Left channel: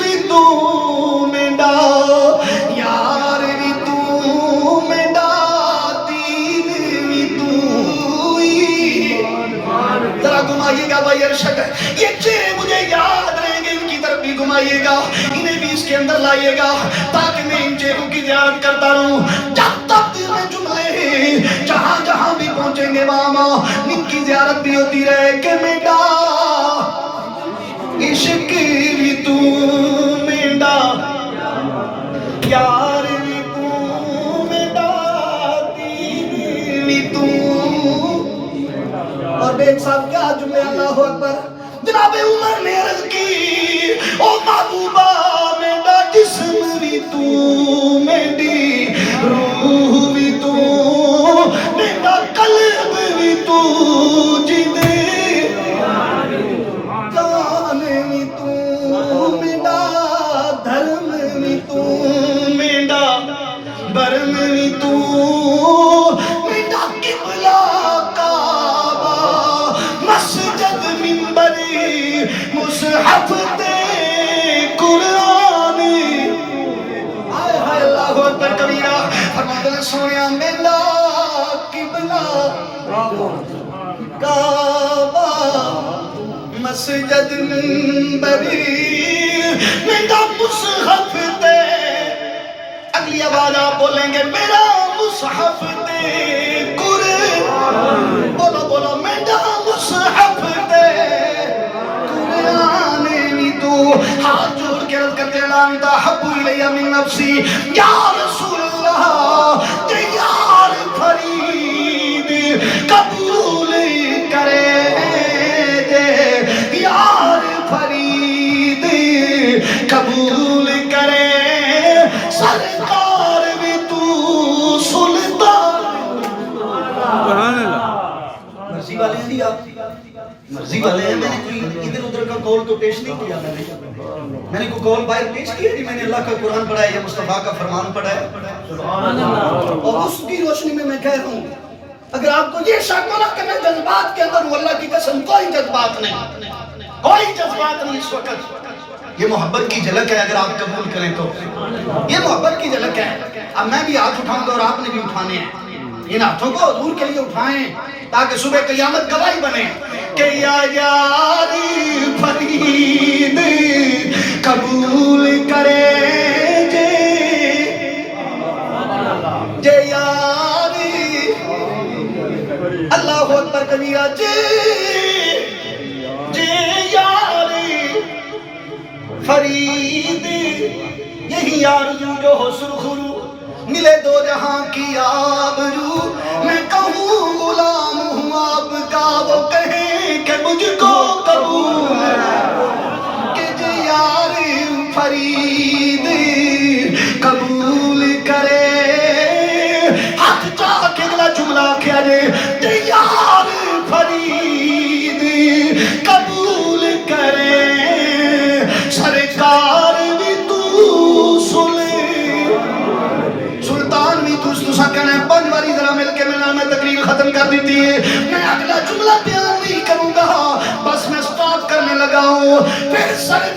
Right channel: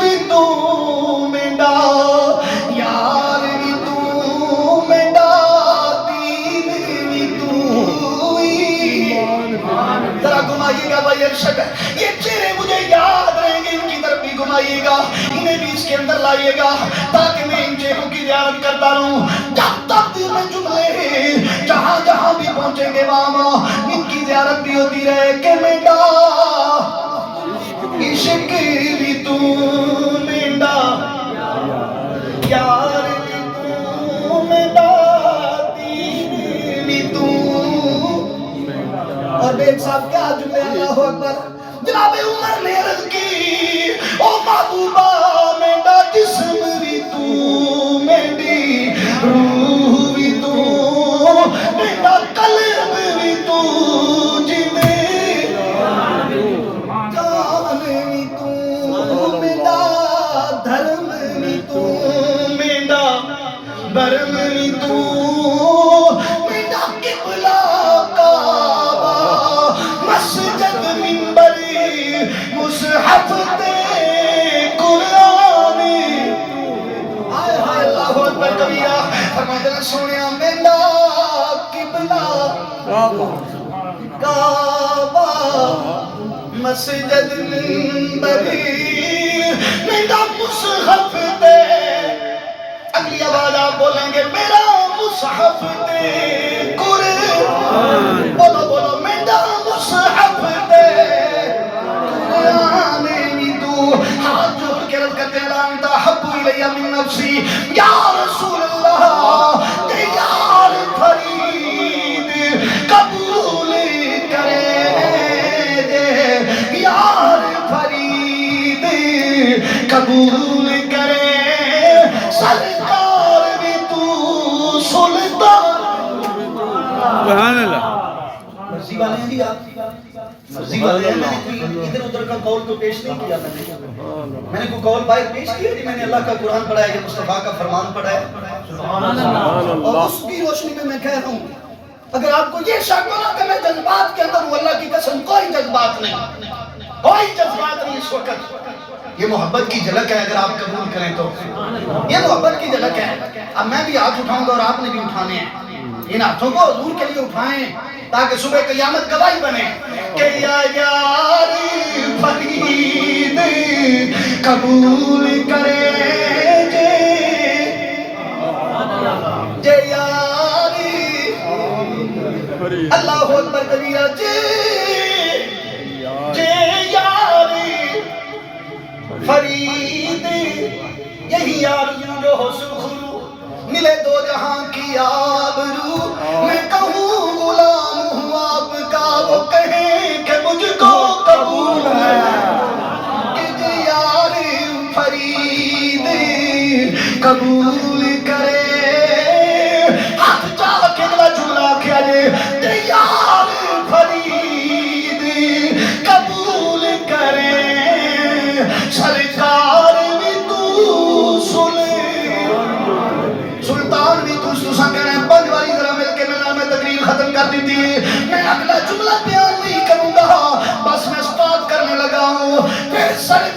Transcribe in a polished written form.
بھی تو میڈا یار بھی تو میڈا دین بھی تو ذرا گھمائیے گا بھائی ارشد یہ چہرے مجھے یاد رہیں گے ان کی طرف بھی گھمائیے گا انہیں بھی اس کے اندر لائیے گا تاکہ میں ان چہروں کی زیارت کرتا رہوں جب تک دل میں جملے جہاں جہاں بھی پہنچیں گے وہاں ان کی زیارت بھی ہوتی رہے کہ میڈا عشق بھی تو میڈا یار بھی تو میڈا دین بھی تو اور ایک صاحب کیا جملے اللہ اکبر جناب عمر نے عرض کی او محبوبہ میڈا جسم بھی تو میری روح بھی تو میڈا قلب بھی تو جینے جان بھی تو میڈا دھرم بھی تو میڈا برم بھی تو میڈا قبلہ کعبہ مسجد منبری مصحف تے قرآن آئے ہائے اللہ اکبر کبیرہ فرماتے ہیں سونیا میلا قبلہ کعبہ مسجد منبری میرا مصحف تے اگلی آواز آپ بولیں گے میرا مصحف تے قرآن بولو بولو میرا مصحف تے قرآن بھی تو ہاتھ جوڑ کے رض کرتے اللہ انتا حب الیہ من نفسی یا رسول اللہ تیار فرید قبول کرے دے یار فرید قبول کرے سرکار بھی تو سلطان سبحان اللہ مرضی والے ہیں جی آپ مرضی والے ہیں میں نے کوئی ادھر ادھر کا قول تو پیش نہیں کیا میں نے کوئی قول باہر پیش کیا جی میں نے اللہ کا قرآن پڑھا ہے یا مصطفیٰ کا فرمان پڑھا ہے سبحان اللہ اور اس کی روشنی میں میں کہہ رہا ہوں اگر آپ کو یہ شک ہو کہ میں جذبات کے اندر ہوں اللہ کی قسم کوئی جذبات نہیں کوئی جذبات نہیں اس وقت یہ محبت کی جھلک ہے اگر آپ قبول کریں تو یہ محبت کی جھلک ہے اب میں بھی ہاتھ اٹھاؤں گا اور آپ نے بھی اٹھانے ہیں ان ہاتھوں کو حضور کے لیے اٹھائیں تاکہ صبح قیامت گواہی بنے کہ یا یاری فرید قبول کرے جے یاری اللہ اکبر کبیرہ جے یاری فرید یہی یاریوں جو ہو سرخرو ملے دو جہاں کی آبرو میں کہوں غلام ہوں آپ کا وہ کہیں کہ مجھ کو قبول ہے کہ جے یار فرید قبول کرے ہاتھ چاہ کے گلا جملہ کیا جے یار فرید قبول کرے سرکار بھی تو سنے سلطان بھی تو سا کہنا ہے پنج والی ذرا مل کے میں تقریر ختم کر دیتی ہے میں اگلا جملہ بیان نہیں کروں گا بس میں سٹارٹ کرنے لگا ہوں پھر سر